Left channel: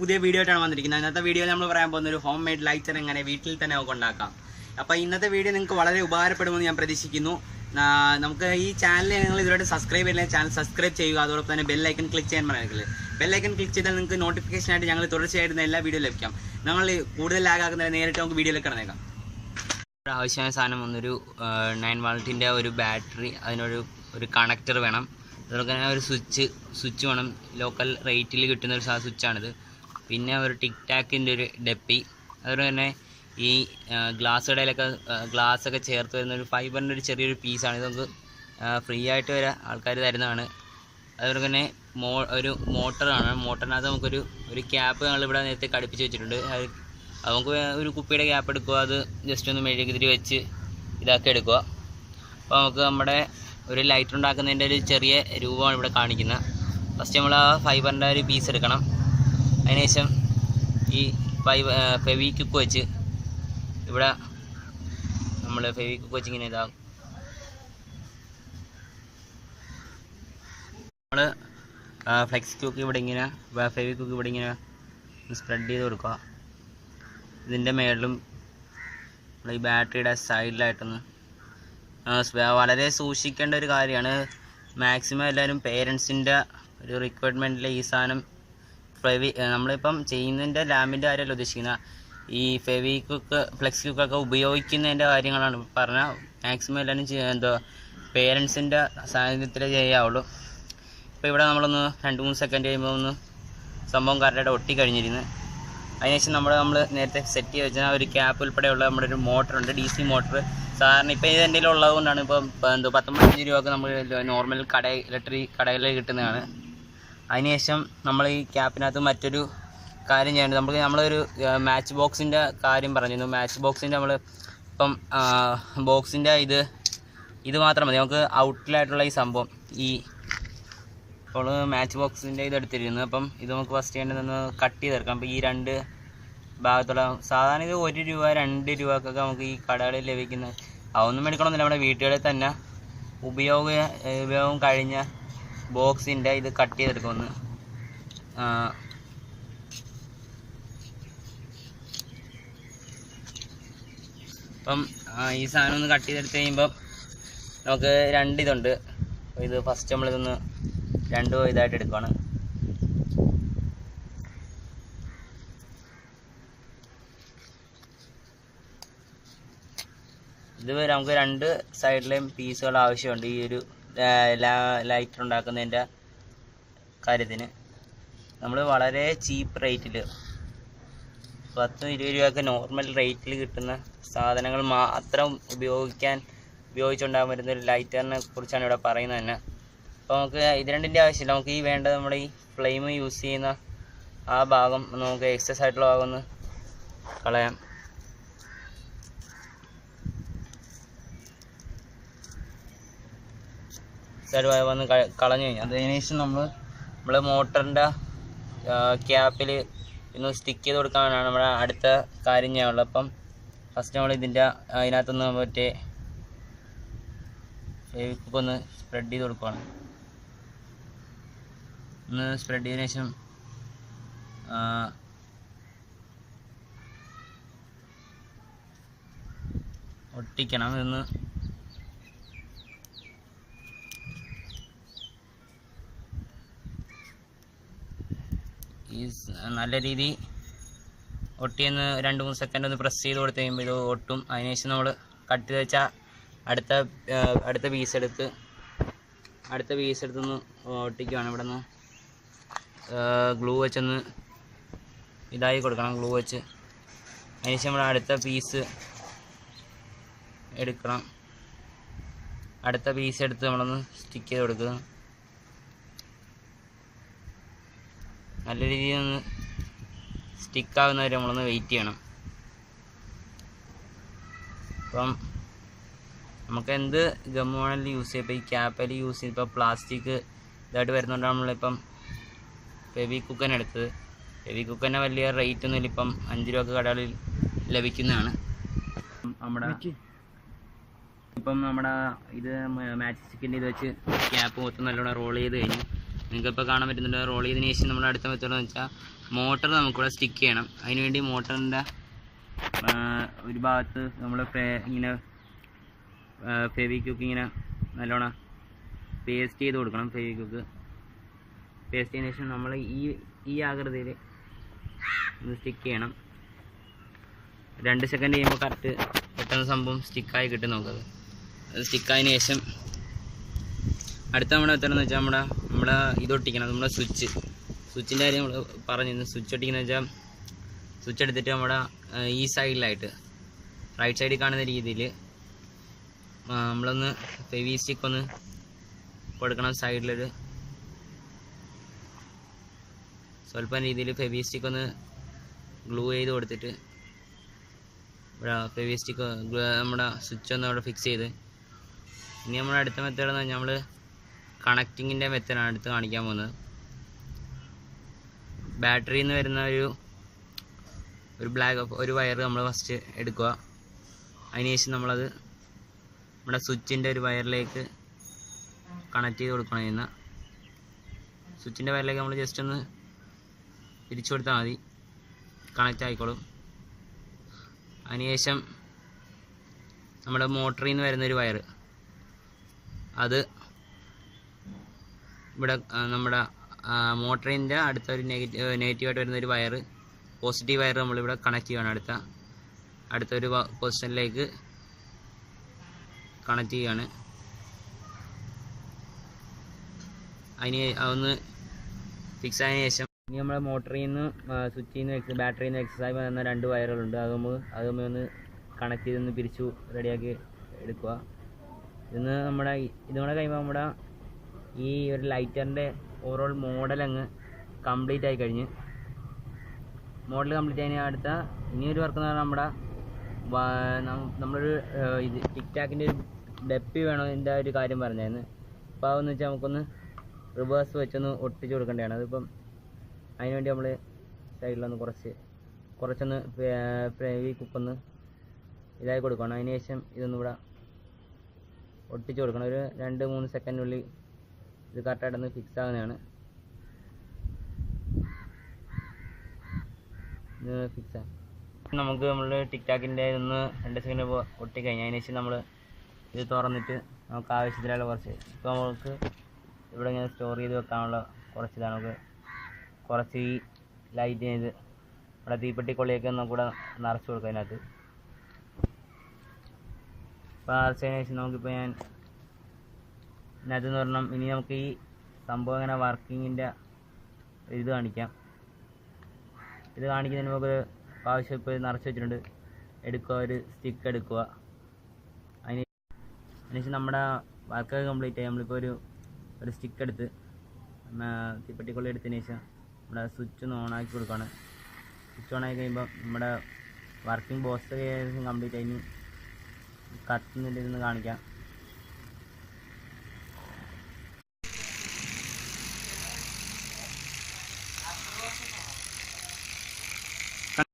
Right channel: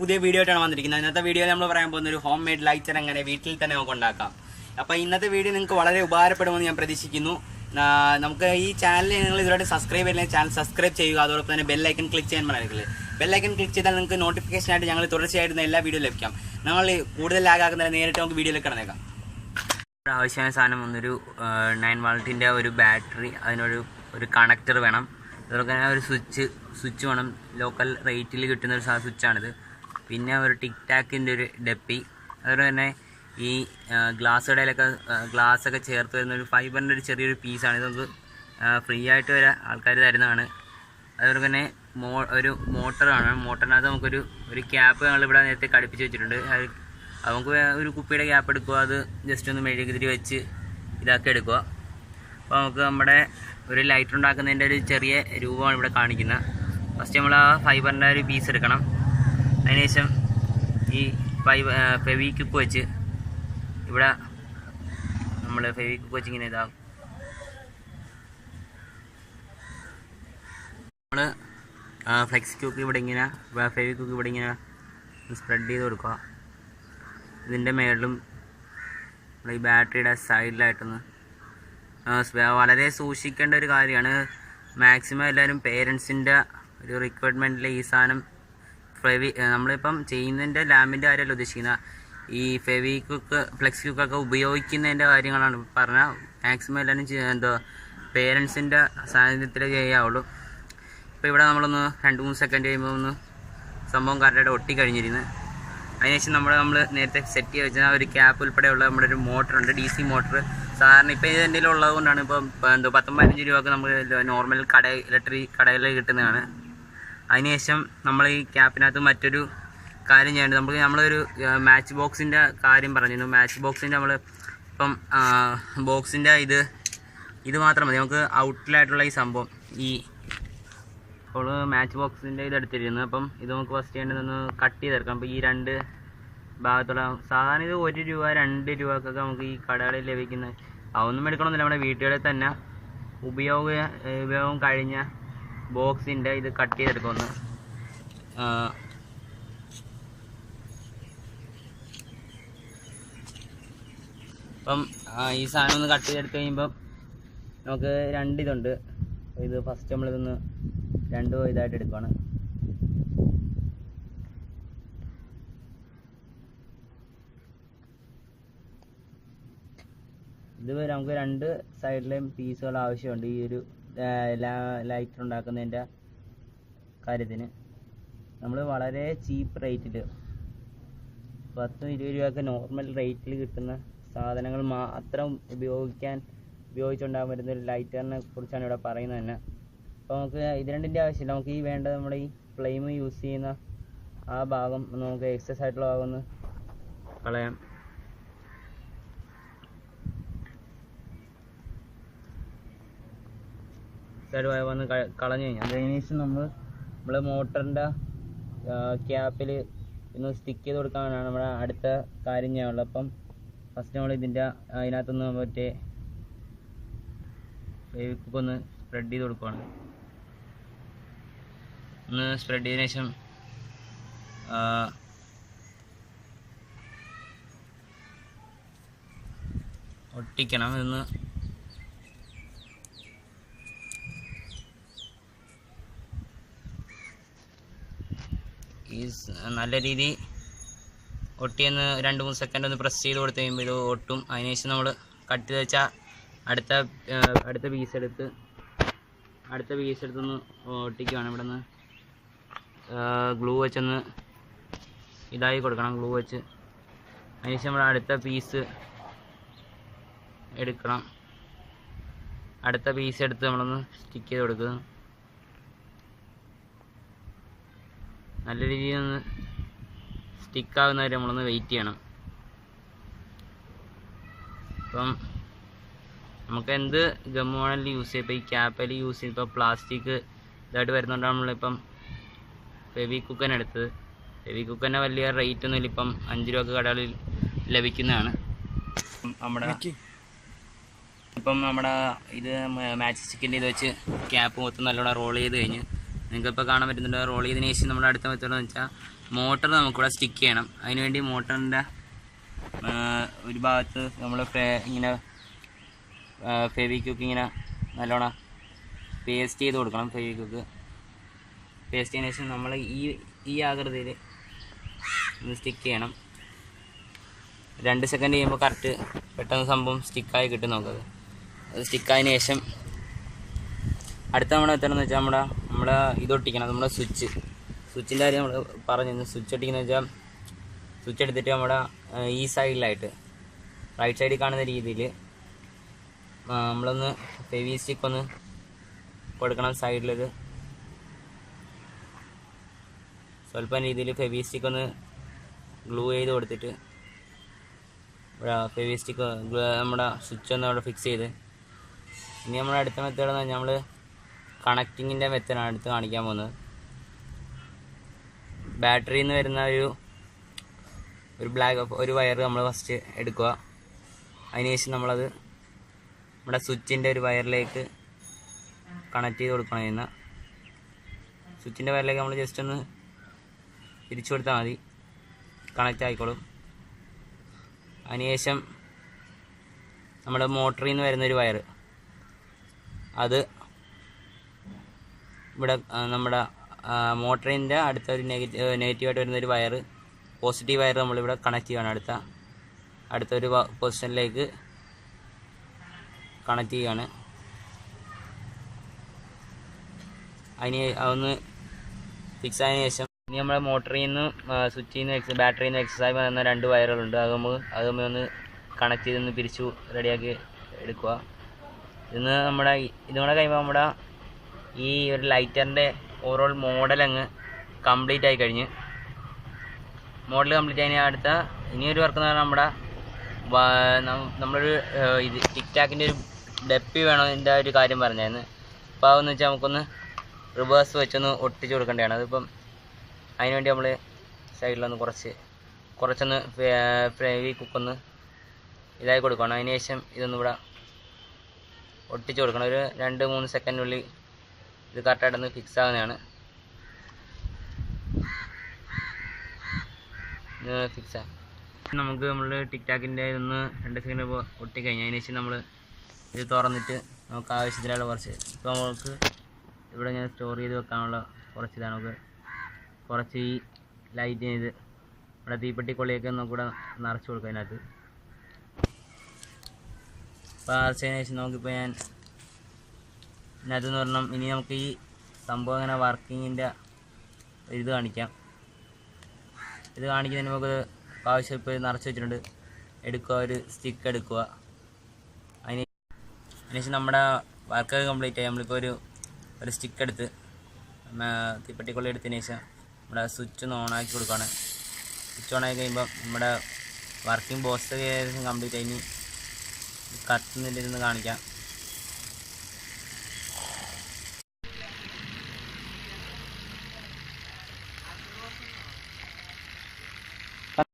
പുതിയ വീഡിയോ ആയിട്ടാണ് വന്നിരിക്കുന്നത്. ഇന്നത്തെ വീഡിയോയിൽ നമ്മൾ പറയാൻ പോകുന്ന ഒരു ഹോം മെയ്ഡ് ലൈറ്റർ എങ്ങനെ വീട്ടിൽ തന്നെ നമുക്ക് ഉണ്ടാക്കാം. അപ്പോൾ ഇന്നത്തെ വീഡിയോ നിങ്ങൾക്ക് വളരെ ഉപകാരപ്പെടുമെന്ന് ഞാൻ പ്രതീക്ഷിക്കുന്നു. നമുക്ക് ഈ ചാനൽ നിങ്ങൾ ഇതുവരെ സബ്സ്ക്രൈബ് ചെയ്യില്ല, ചാനൽ സബ്സ്ക്രൈബ് ചെയ്യുക. അതോടൊപ്പം തന്നെ ബെല്ലൈക്കൺ ക്ലിക്ക് ചെയ്യാൻ മറക്കരുത്. ബെല്ലൈക്കൺ ക്ലിക്ക് ചെയ്താൽ നിങ്ങൾക്ക് നോട്ടിഫിക്കേഷൻ ആയിട്ട് ഞങ്ങൾ തുടർച്ചയായിട്ട് എല്ലാ വീഡിയോ ലഭിക്കാം. നമ്മൾ കൂടുതൽ ലാഗ് ആക്കുന്നതിന് നേരിട്ട് നമുക്ക് വീഡിയോയിലേക്ക് കിടന്നേക്കാം. ആവശ്യമായ സാധനം വന്നൊരു 9 വോൾട്ടിൻ്റെ ഒരു ബാറ്ററി, അതിനൊരു കണക്ടർ വേണം. അതുപോലെ തന്നെ ഒരു സ്വിച്ച് വേണം. ലോക്കൽ റേറ്റിൽ കിട്ടുന്ന ഒരു സ്വിച്ചാണിത്. പിന്നെ ഒരു ടിക് ടാക്കിൻ്റെ ഒരു ഡപ്പി. അതുപോലെ തന്നെ ഈ ഗ്ലാസ്സൊക്കെ ചേർത്ത് വരുന്ന ഒരു ഫൈബറിൻ്റെ ഒരു ചെറിയൊരു പീസാണ്. ഇത് നമുക്ക് ഫ്രീ ആയിട്ട് വരെ ആൾക്കാർ തരുന്നതാണ്. അതുപോലെ തന്നെ ഒരു മോട്ടറാണ്. മോട്ടറിനകത്ത് നമുക്കൊരു ക്യാപ്പ് ഞങ്ങളിവിടെ നേരത്തെ ഘടിപ്പിച്ച് വെച്ചിട്ടുണ്ട്. അത് നമുക്ക് ഒരു കുപ്പിയുടെ ക്യാപ്പ് എടുക്കുക, അത് ജസ്റ്റ് ഒന്ന് മെഴുകുതിരി വെച്ച് ഇതാക്കി എടുക്കുക. അപ്പോൾ നമുക്ക് നമ്മുടെ ഒരു ലൈറ്റർ ഉണ്ടാക്കുന്നതിൻ്റെ ഒരു ചെറിയ രൂപമാണ് ഇവിടെ കാണിക്കുന്നത്. ഫസ്റ്റ് നമ്മൾ ആ ഫൈബറിൻ്റെ ഒരു പീസ് എടുക്കണം. അതിനുശേഷം ഈ ഫെവിക്വിക്ക് വെച്ച് ഇവിടെ നമ്മൾ ഫെവിക്വിക്ക് വെച്ച് ഇങ്ങനെ ഇതാകും. നമ്മൾ ഫ്ലെക്സ് ക്യൂക്ക് ഇവിടെ ഇങ്ങനെ ഫെവിക്വിക്ക് ഇവിടെ ഇങ്ങനെ സ്പ്രെഡ് ചെയ്ത് കൊടുക്കുക. ഇതിൻ്റെ മേളിലും ഈ ബാറ്ററിയുടെ സൈഡിലായിട്ടൊന്ന് വളരെ സൂക്ഷിക്കേണ്ട ഒരു കാര്യമാണ്. മാക്സിമം എല്ലാവരും പേരൻസിൻ്റെ ഒരു റിക്വയർമെൻറ്റിൽ ഈ സാധനം നമ്മളിപ്പം ചെയ്യുന്നതിൻ്റെ ലാമ്പിൻ്റെ കാര്യമല്ല ഉദ്ദേശിക്കുന്നത്. ഈ ഫെവിക്വിക്ക് ഫ്ലെക്സ് ക്യൂക്കൊക്കെ ഉപയോഗിക്കുന്നതിൻ്റെ കാര്യങ്ങളാണ് പറഞ്ഞാൽ. മാക്സിമം എല്ലാവരും പേരൻസിൻ്റെ സാന്നിധ്യത്തിലേ ചെയ്യാവുള്ളൂ. ഇപ്പോൾ ഇവിടെ നമ്മളൊന്ന് 2-3 സെക്കൻഡ് കഴിയുമ്പോൾ ഒന്ന് സംഭവം കറക്റ്റായിട്ട് ഒട്ടിക്കഴിഞ്ഞിരുന്നു. അതിനുശേഷം നമ്മൾ നേരത്തെ സെറ്റ് ചെയ്ത് വെച്ചാൽ ഒരു ക്യാപ്പ് ഉൾപ്പെടെയുള്ള നമ്മുടെ ഒരു മോട്ടറുണ്ട്, DC മോട്ടർ. സാധാരണ ഇപ്പോൾ ഇത് എന്തെങ്കിലും ഉള്ളത് കൊണ്ടാണ്. ഇപ്പം 15 രൂപക്ക് നമ്മൾ നോർമൽ ഇലക്ട്രിക് കടകളിൽ കിട്ടുന്നതാണ്. അതിനുശേഷം നമ്മൾ ഈ ക്യാപ്പിനകത്ത് മറ്റൊരു കാര്യം ചെയ്യേണ്ടത്, നമ്മളൊരു മാച്ച് ബോക്സിൻ്റെ കാര്യം പറഞ്ഞിരുന്നു. മാച്ച് ബോക്സിൻ്റെ ഇപ്പം ബോക്സിൻ്റെ ഇത് മാത്രം മതി. നമുക്ക് ഔട്ടിലായിട്ടുള്ള ഈ സംഭവം ഇപ്പോൾ മാച്ച് ബോക്സിൻ്റെ എടുത്തിരുന്നു. അപ്പം ഇത് നമുക്ക് ഫസ്റ്റ് ചെയ്യേണ്ടതൊന്ന് കട്ട് ചെയ്തെടുക്കാം. അപ്പോൾ ഈ 2 ഭാഗത്തുള്ള സാധാരണ ഇത് 1 രൂപ 2 രൂപക്കൊക്കെ നമുക്ക് ഈ കടകളിൽ ലഭിക്കുന്നത്. അതൊന്നും എടുക്കണമെന്നില്ല, നമ്മുടെ വീട്ടുകളിൽ തന്നെ ഉപയോഗം കഴിഞ്ഞ ബോക്സിൻ്റെ ഇത് കട്ട് ചെയ്തെടുക്കുമെന്ന്. അപ്പം ഈ സാധനം ഒന്ന് കട്ട് ചെയ്തെടുത്ത് കഴിയുമ്പം നമുക്ക് 2 ഇതുണ്ട്. ഇത് ഫസ്റ്റ് നമ്മളിതൊന്ന് 2 ഇതായിട്ട് എടുക്കുകയാണ്. ഇത് നമുക്ക് 2 സൈഡിലെയും പീസുകൾ ആവശ്യമുണ്ട് ഈ ഒരു ലൈറ്റർ ഉണ്ടാക്കുന്നതിൻ്റെ കാര്യത്തിന്. നമ്മൾ വളരെ ചീപ്പ് റേറ്റിൽ 10-20 രൂപയൊക്കെ നോർമൽ റേറ്റിൽ കിട്ടുന്ന സാധനങ്ങൾ മാത്രം ഉപയോഗിച്ചുണ്ടാകാൻ പറ്റുന്ന ഒരു ലൈറ്ററിനെ കുറിച്ചാണ് ഇവിടെ പറയുന്നത് തന്നെ. അപ്പോൾ നമുക്ക് ഇത് രണ്ടിൻ്റെ ആവശ്യമില്ല. നമുക്ക് ഈ വേണ്ടത് നമ്മുടെ ഈ ഫ്ലെയിം യൂസ് ചെയ്യുന്ന ആ ഭാഗം നമുക്ക് എക്സസ് ആയിട്ടുള്ള ഭാഗം ഒന്ന് കളയാം. വന്ന് കളഞ്ഞു കഴിഞ്ഞാൽ അതിനുശേഷം നമ്മൾ മോട്ടറിൻ്റെ ക്യാപ്പിൽ ഇന്ന് സ്റ്റിക്ക് ചെയ്ത് കൊടുക്കാനാണ് നമ്മുടെ അടുത്ത കാര്യം ചെയ്യാനുള്ളത്. അപ്പം ഫസ്റ്റ് നമ്മൾ അതിനകത്തുനിന്ന് മറ്റേ ഫെവിക്വിക്ക് ഒന്ന് സ്പ്രെഡ് ചെയ്ത് കൊടുക്കുകയാണ്. ഒന്ന് സ്പ്രെഡ് ചെയ്തതിനു ശേഷം ഒട്ടിക്കണം. ഇതൊന്ന് നല്ല രീതി ഒട്ടിയെന്ന് 2-3 സെക്കൻഡ് ഒന്ന് പ്രസ് ചെയ്ത് കൊടുത്ത് കഴിയുമ്പോൾ ഇത് ഒട്ടും. അതിനുശേഷം നമ്മൾ കട്ട് ചെയ്ത് വെച്ചാൽ അടുത്ത പീസ് എടുത്തൊന്ന് ഒട്ടിക്കുകയാണ്. ഇവിടെ നിന്ന് ഗ്ലൂ വെച്ചൊന്ന് ഇതായി കൊടുക്കണം. ഗ്ലൂ വെച്ച് അതിനുശേഷം നമ്മൾ അടുത്ത പീസ് എടുക്കണം. അടുത്ത പീസ് എടുത്ത് നമ്മളൊന്ന് സ്റ്റിക്ക് ചെയ്ത് കൊടുക്കുക. നല്ല രീതിയിൽ ഒന്ന് സ്റ്റിക്കാകുന്നവരെ നമ്മളൊന്ന് വെയിറ്റ് ചെയ്യണം. അപ്പം നമുക്ക് എന്ത് ഗമ്മ് വേണമെങ്കിലും യൂസ് ചെയ്യാം. ഇപ്പോൾ ഈ ക്യാപ്പിൽ യൂസ് ചെയ്ത് ഇപ്പോൾ പ്ലാസ്റ്റിക് ഇതായിട്ട് വരുന്നതുകൊണ്ടാണ് നമ്മളിപ്പം ഫെവിക്വിക്ക് എടുത്തത്. ഫെവിക്വിക്ക് വലിയ റേറ്റ് ഒന്നുമില്ല. ഇപ്പം 5 രൂപക്ക് കടകളിൽ ലഭിക്കുന്നതാണ്. നമ്മുടെ ഇത് മാച്ച് സ്റ്റിക്കിൻ്റെ ഇത് വെച്ച് ക്യാപ്പ് മൊത്തം നല്ലോണം റോൾ ചെയ്ത് കഴിഞ്ഞ് നിങ്ങൾക്കിപ്പോൾ കാണാൻ പറ്റുന്നുണ്ട്. റോൾ ചെയ്തതിന് ശേഷം നമ്മൾ അടുത്ത മെത്തേഡ് എന്ന് വെച്ചാൽ മോട്ടർ നമുക്കിവിടെ സ്റ്റിക്ക് ചെയ്യണം. അതിനുവേണ്ടി മോട്ടറിൻ്റെ ഒരു ഭാഗത്ത് നമ്മൾ ഇങ്ങനെ ഫെവിക്വിക്ക് ഇങ്ങനെ നല്ലോണം പേസ്റ്റ് ചെയ്ത് കൊടുക്കണം. ഫെവിക്വിക്ക് പേസ്റ്റ് ചെയ്തതിന് ശേഷം നമ്മൾ ഈ ആകൃതിയിൽ ഒന്ന് സ്റ്റിക്ക് ചെയ്യണം. 2 സെക്കൻഡ് ചെയ്യുമ്പോൾ കറക്റ്റ് പെട്ടെന്ന് സംഭവം സ്റ്റിക്കായി കിട്ടും. നോക്കത് അത് സ്റ്റിക്കായതിന് ശേഷം അടുത്ത നമ്മുടെ എത്തണമെന്ന് വെച്ചാൽ നമ്മുടെ ഇതൊട്ടിക്കണം. നമ്മുടെ സ്വിച്ചിൻ്റെ കാര്യം നമ്മൾ പറഞ്ഞു. സ്വിച്ച് ഒട്ടിക്കുന്നത് വെച്ചാൽ സ്വിച്ച് എടുത്തിട്ട് നമ്മുടെ ഈ സൈഡിലായിട്ട് റൈറ്റ് സൈഡിൽ കാണുന്ന രീതിയിൽ നമ്മളൊന്ന് ഫെവി സ്റ്റിക്ക് ഒന്ന് കൊടുക്കണം. സൈഡിലൊരു സ്വല്പം രീതിയിൽ ഫെവി സ്റ്റിക്ക് ഒന്ന് ഗ്ലൂ ചെയ്ത് കൊടുത്തിട്ട് ഫെവി സ്റ്റിക്ക് നമ്മുടെ സ്വിച്ച് ഒന്ന് അവിടെ ഫിക്സ് ചെയ്ത്, ഇനി നമ്മുടെ അടുത്ത മെത്തേഡ് എന്ന് പറഞ്ഞാൽ നമ്മൾ കണക്റ്റിങ്ങിൻ്റെ മെത്തേഡാണ് അടുത്ത് കാണിക്കാൻ പോകുന്നത്. ബാറ്ററിയിൽ നിന്ന് വരുന്ന ഒരു വയർ നമ്മൾ ഫസ്റ്റ് എടുക്കുക. അതിനുശേഷം നമ്മളത് നമ്മുടെ സ്വിച്ചിൻ്റെ ഒരു വയറിലേക്ക് കണക്ട് ചെയ്ത് കൊടുക്കണം. ചെയ്യുന്ന സ്വിച്ചിൻ്റെ വയറിലേക്ക് നമ്മൾ ജസ്റ്റ് ഒന്ന് തിരിച്ചു കൊടുത്താൽ മതി, കണക്റ്റ് ആയിക്കോളും. അതിനുശേഷം നമ്മുടെ മോട്ടറിൽ നിന്ന് വരുന്നൊരു വയർ അത് ഇവിടെ നമ്മുടെ മോട്ടറിൻ്റെ അടുത്തൊരു നെഗറ്റീവായിട്ട് വരുന്നൊരു വയർ, പോസിറ്റീവ് വയർ നമ്മളിവിടെ കണക്ട് ചെയ്യുകയാണ്. അടുത്തൊരു പൊസിഷനിലേക്ക് കണക്ട് ചെയ്യുകയാണ്. അതിന് അതൊന്ന് ഫിക്സ് ആയതിനു ശേഷം ഇനി നമ്മുടെ മോട്ടറിൽ നിന്ന് സ്വിച്ചിൽ നിന്ന് ബാറ്ററിയിൽ നിന്ന് എക്സസൈസ് വരുന്ന 2 വയറുകളുണ്ട്. അത് നമ്മൾ ഒന്ന് കണക്ട് ചെയ്തൊന്ന് പിരിച്ചു റെഡിയാക്കി എടുക്കുക. ഇതുകൂടെ കഴിയുമ്പോൾ നമ്മുടെ ഈ ഒരു ലൈറ്ററിൻ്റെ ഓവറോൾ മോഡൽ അങ്ങ് കംപ്ലീറ്റ് ആയി കഴിഞ്ഞ്. മോഡൽ കംപ്ലീറ്റ് ആയി അടുത്ത ഇനിയൊരു വർക്ക് എന്ന് പറഞ്ഞാൽ നമ്മളൊരു ടിക് ടാക്കിൻ്റെ ഒരു ഡെപ്പി വേണം ഇതിൻ്റെ ഒരു കാര്യം പറഞ്ഞായിരുന്നു. അപ്പോൾ അതെന്ന് വെച്ചാൽ നമുക്കൊന്ന് റിവേഴ്സ് വെച്ചൊന്ന് ഒട്ടിച്ച് കൊടുക്കേണ്ടതാണ്. അതിപ്പം അതിനുവേണ്ടി നമ്മൾ സൈഡിലൊന്ന് കുറച്ചൊന്ന് ഫെവി കുക്കൊന്ന് ഇതായി കൊടുക്കണം. അതിന് ശേഷം ഇതൊന്നും ഇവിടെ ഒട്ടിച്ച് കൊടുക്കണം. ഒരു 2-3 സെക്കൻഡിനുള്ളിൽ ഇത് കറക്റ്റായിട്ടൊന്ന് ഫിക്സ് ആകുന്നതാണ്. ഫിക്സ് ആയി നമുക്ക് നമ്മൾ ടിക് ടാക്കിൻ്റെ ഒന്ന് 2 സെക്കൻഡ് ഒട്ടിക്കഴിഞ്ഞാൽ അതിന് ശേഷം നമ്മൾ ഇത് തുറന്നിട്ട് നമുക്ക് ആവശ്യത്തിലുള്ള കുറച്ച് ഇപ്പോൾ നമുക്ക് ഇവിടെ ഇങ്ങനെ സ്റ്റോർ ചെയ്ത് വെക്കാനുള്ള കുറച്ചിതാണ്. നമുക്ക് കുറച്ച് ഈ ലൈറ്റ് ചെയ്ത് ഇവിടെ തീപ്പെട്ടിക്കൊള്ളിയൊക്കെ നമുക്കിവിടെ നിറച്ച് കൊടുക്കുക. അതിനകത്ത് അപ്പോൾ നിറച്ചതിന് ശേഷം നമുക്കിപ്പോൾ ഇതിനകത്തെന്ന് പറഞ്ഞാൽ ഇനി നമുക്ക് ഈ സംഭവം ഇങ്ങനെ വർക്കിങ്ങിൻ്റെ ഇത് കാണിക്കാം. ഇത് കാണിക്കുന്നതിന് നമുക്ക് ആവശ്യം ഇപ്പോൾ നിറച്ച് വെച്ചിട്ടുണ്ട്. എടുക്കുക, ഒരു സ്റ്റിക്ക് എടുക്കുക. അതിനുശേഷം നമ്മുടെ വർക്കൊക്കെ കംപ്ലീറ്റ് ആയി. നമ്മളിപ്പോൾ ഒരു സ്റ്റിക്ക് എടുത്ത് തീപ്പെട്ടിക്കൊള്ളി എടുത്തതിന് ശേഷം നമ്മുടെ സ്വിച്ച് ഒന്ന് ഓണാക്കി കൊടുക്കുകയാണ്. സ്വിച്ച് ഓണാക്കി കഴിയുമ്പോൾ നമ്മുടെ വർക്കിംഗ് ബോക്സ് ഏകദേശം കംപ്ലീറ്റ് ആയി. കത്തുന്നില്ലെന്ന് കാണിക്കാം.